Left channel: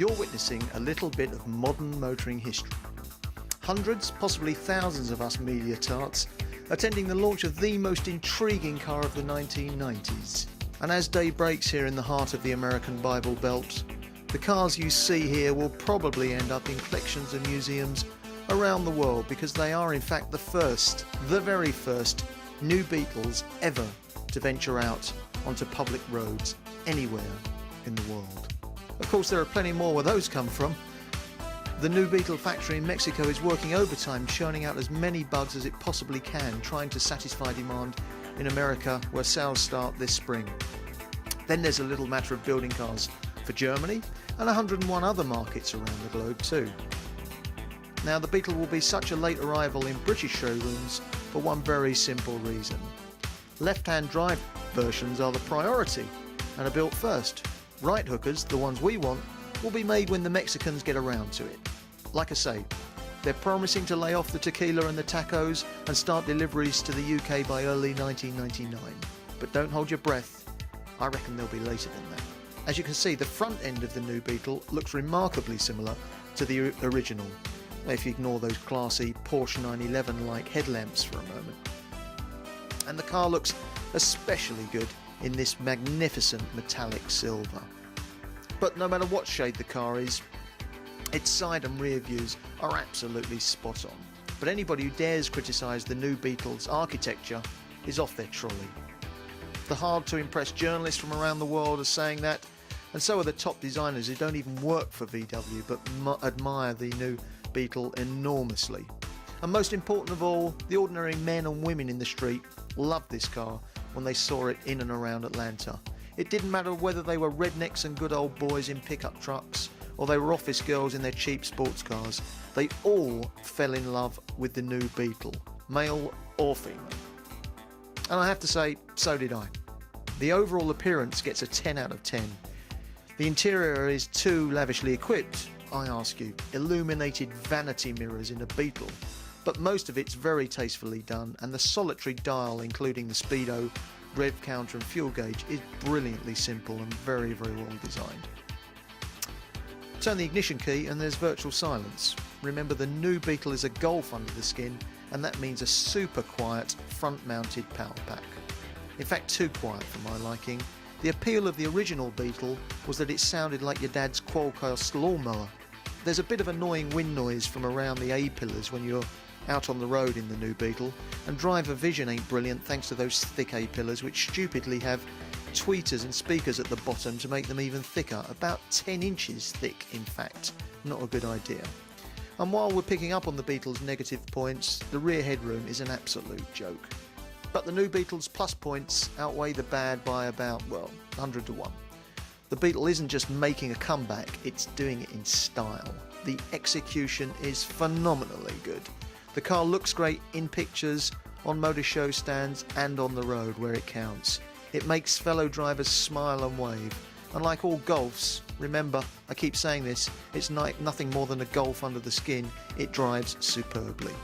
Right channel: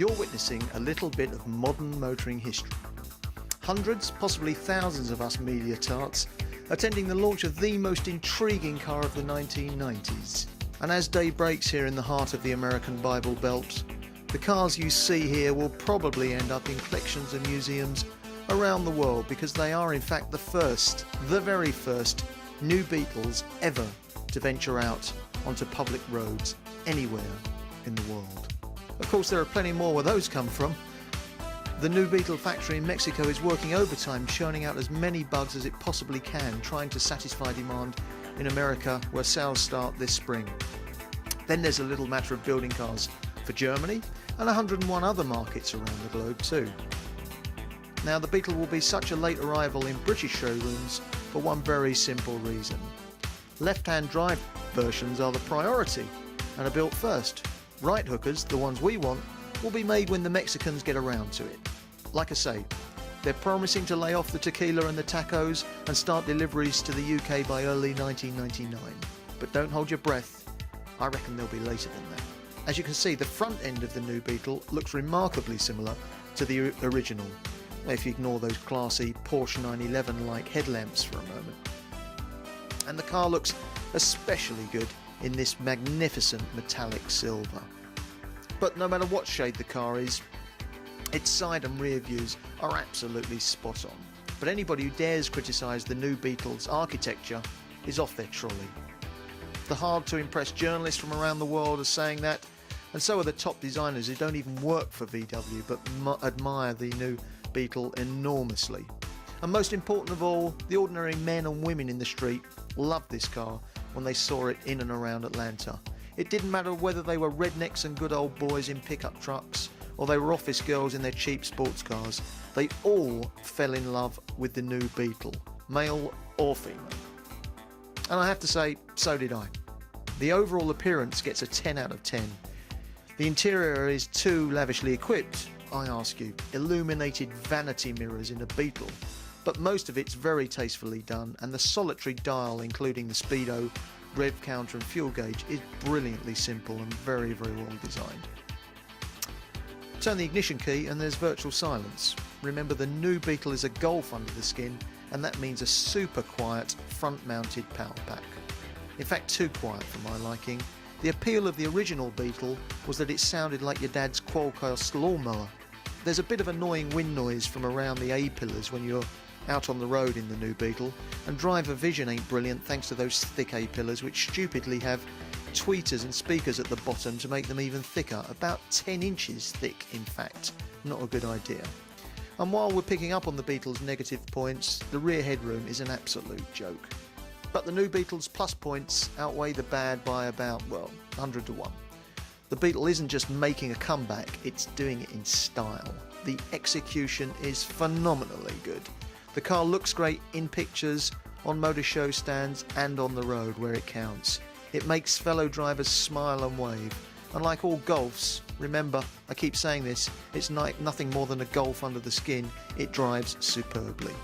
you're witnessing a little bit of modern motoring history. Hundreds, possibly thousands of us media tarts attending the launch of the most intriguing car of the 1990s. And as day breaks here in the heart of the American Bible Belt, the cars you see here will probably end up in collections and museums around the world because they are in fact the very first new Beetles ever to venture out onto public roads anywhere in the world. Of course, there are plenty more where those come from. The new Beetle factory in Mexico is working overtime, churning out as many bugs as it possibly can, trying to satisfy demand in America, where sales start this spring. Then there's a little matter of building cars for Germany and 101 other markets around the globe too. Now, the Beetle will be such a late arrival in British showrooms for one very simple reason. Left-hand drive versions are the priority and are built first. Right hookers, the ones we want, will be made when the Mexicans get around to it. Like I say, they're promising to lay off the tequila and the tacos and start deliveries to the UK by early 1999. But don't hold your breath, I reckon they'll be later than that. As you can see, the front end of the new Beetle looks remarkably similar to the original, if you ignore those classy Porsche 911-like headlamps for a moment. And the car looks especially good in this magnificent metallic silver. But no matter what shade the car is, its side and rear views are absolutely spot on. But anybody who dares criticise the new Beetle's architecture is off their trolley. The hard-to-impress journalists from around the world are saying that, and so are the top designers who don't even work for VW but admire the new Beetle enormously. And most important of all, the ordinary men and women in the street loved this car when they saw it in and around Atlanta. It didn't matter whether they were rednecks and good old boys in pickup trucks, or they were office girls in their cheap sports cars. They all fell in love with the new Beetle, male or female. And I have to say, so did I. The overall appearance gets a 10 out of 10. The interior is too lavishly equipped, I ask you. Illuminated vanity mirrors in a Beetle. But most of it's very tastefully done, and the solitary dial, including the speedo, rev counter and fuel gauge, is brilliantly simple and very, very well designed. Turn the ignition key and there's virtual silence. Remember, the new Beetle is a Golf under the skin, and that means a super quiet front-mounted power pack. In fact, too quiet for my liking. The appeal of the original Beetle was that it sounded like your dad's Qualcomm lawnmower. There's a bit of annoying wind noise from around the A-pillars when you're out on the road in the new Beetle, and driver vision ain't brilliant thanks to those thick A-pillars which stupidly have tweeters and speakers at the bottom to make them even thicker, about 10 inches thick in fact. Not a good idea. And while we're picking up on the Beetle's negative points, the rear headroom is an absolute joke. But the new Beetle's plus points outweigh the bad by about, 100 to 1. The Beetle isn't just making a comeback, it's doing it in style. The execution is phenomenally good. The car looks great in pictures, on motor show stands and on the road where it counts. It makes fellow drivers smile and wave. And like all Golfs, remember, I keep saying this, it's nothing more than a Golf under the skin. It drives superbly.